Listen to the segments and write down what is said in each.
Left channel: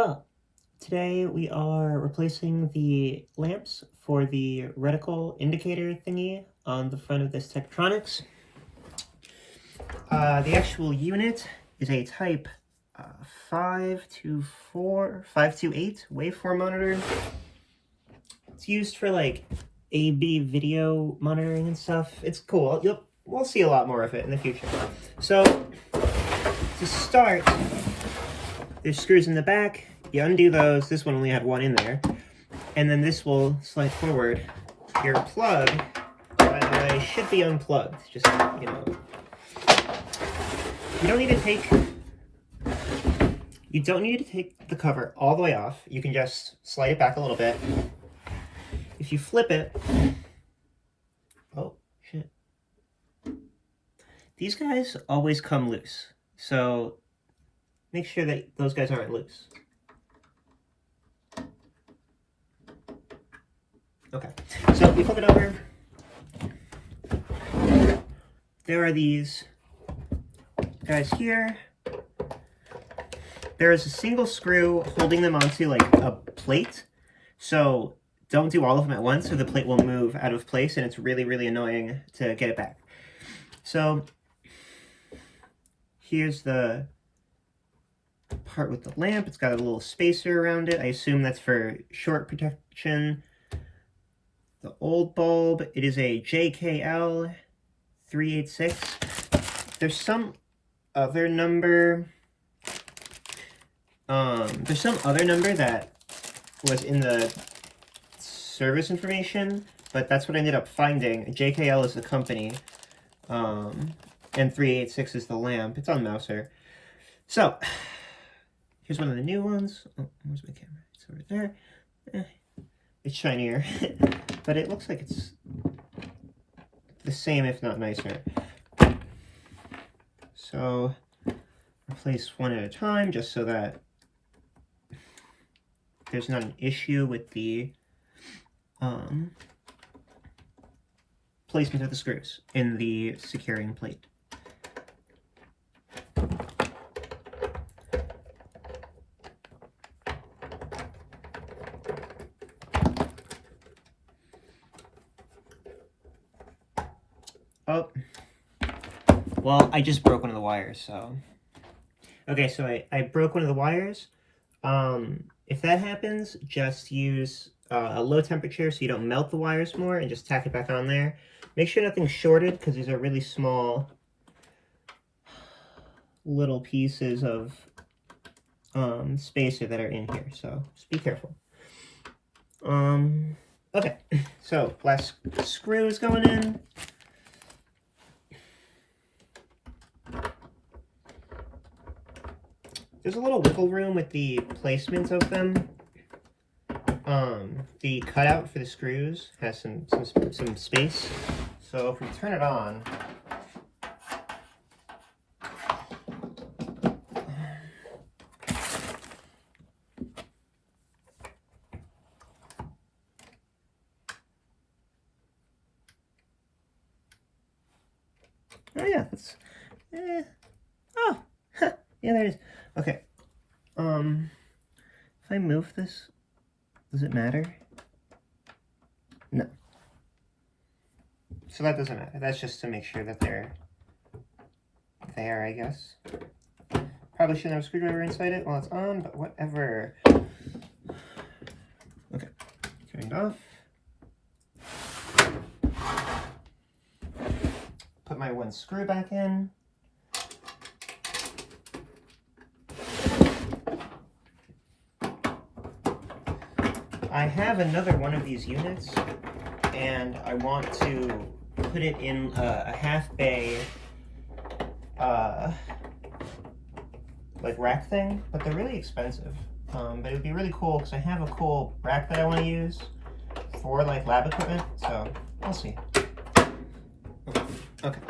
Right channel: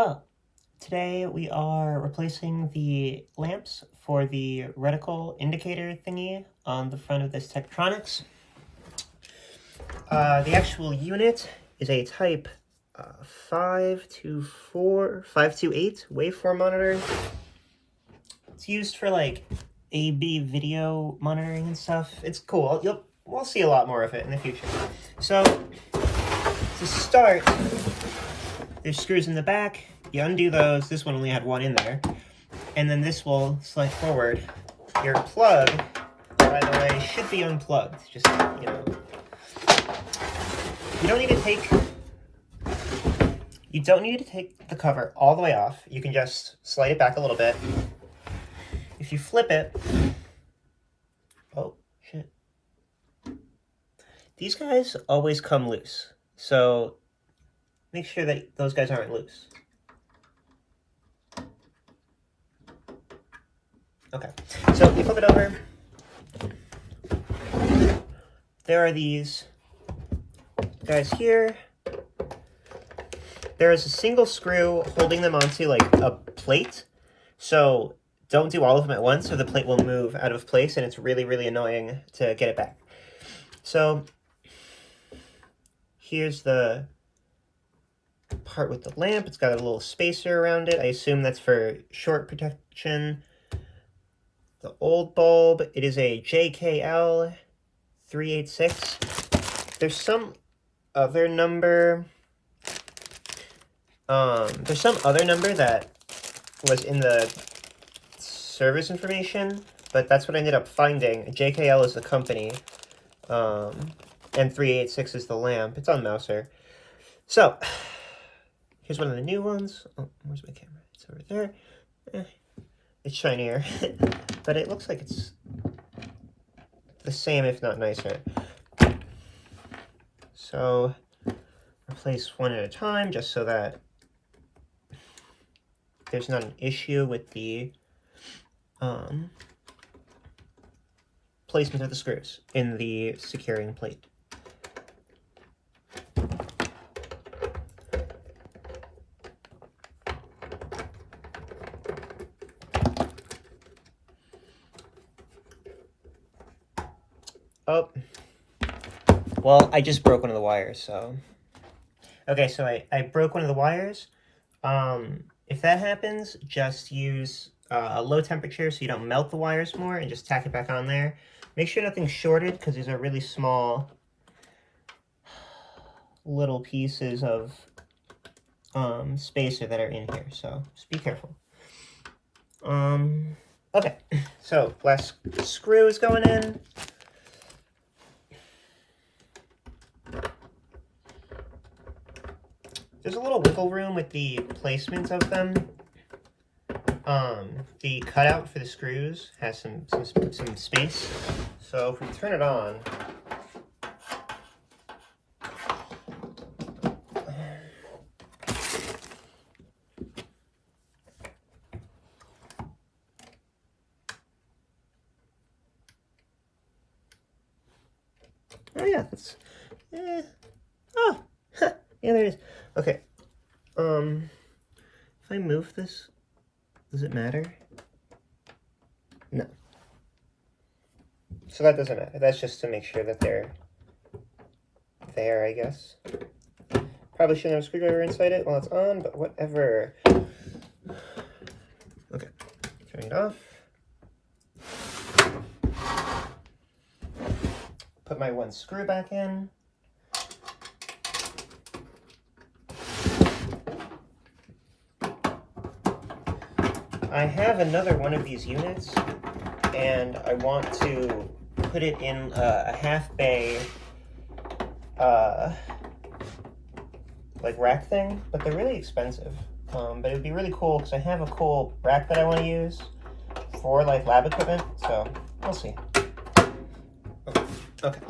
Hello. Today we are replacing the lamps for the reticle indicator thingy on the front of this Tektronix. The actual unit is a type 528 waveform monitor. It's used for like A/B video monitoring and stuff. It's cool. We'll see a lot more of it in the future. So to start, there's screws in the back. You undo those. This one only had one in there. And then this will slide forward. Your plug, by the way, should be unplugged. Just, you know. You don't need to take the cover all the way off. You can just slide it back a little bit. If you flip it, oh, shit. These guys always come loose. So make sure that those guys aren't loose. Okay, so we flip it over. There are these guys here. There is a single screw holding them onto like a plate. So don't do all of them at once, or the plate will move out of place and it's really, really annoying to get it back. So here's the part with the lamp. It's got a little spacer around it. I assume that's for short protection. The old bulb, it is a JKL 386. There's some other number. There's some other number that was in the service information, but that's what I ended up finding. JKL is the company, and 386 is the lamp. It's on Mouser. So here's one of the new ones. Oh, where's my camera? It's over there. It's shinier, but it looks like it's the same, if not nicer. So replace one at a time, just so that there's not an issue with the placement of the screws in the securing plate. Oh, well, I just broke one of the wires, so. Okay, so I broke one of the wires. If that happens, just use a low temperature so you don't melt the wires more, and just tack it back on there. Make sure nothing's shorted, because these are really small little pieces of spacer that are in here, so just be careful. Okay, so last screw is going in. There's a little wiggle room with the placement of them. The cutout for the screws has some space. So if we turn it on, oh yeah, that's oh yeah, there it is. Okay, if I move this, does it matter? No. So that doesn't matter. That's just to make sure that they're there, I guess. Probably shouldn't have a screwdriver inside it while it's on, but whatever. Okay, turn it off. Put my one screw back in. I have another one of these units, and I want to put it in a half bay like rack thing, but they're really expensive. But it would be really cool because I have a cool rack that I want to use for like lab equipment, so we'll see. Okay.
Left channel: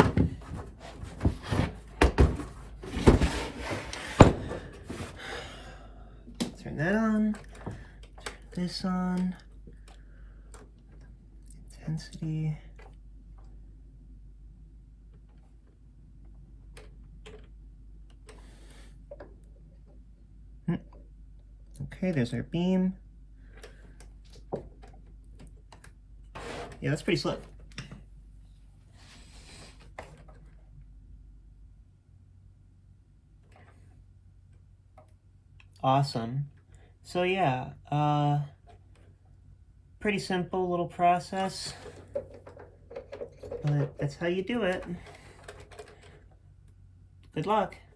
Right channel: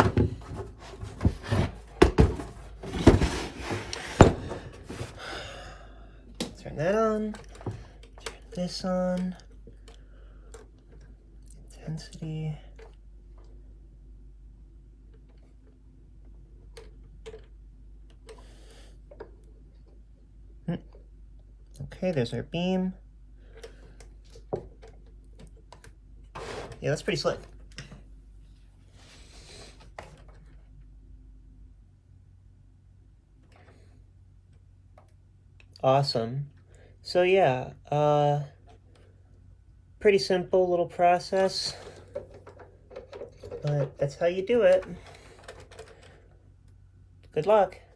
Turn that on. Turn this on. Intensity. Okay, there's our beam. Yeah, that's pretty slick. Awesome. So yeah, pretty simple little process, but that's how you do it. Good luck.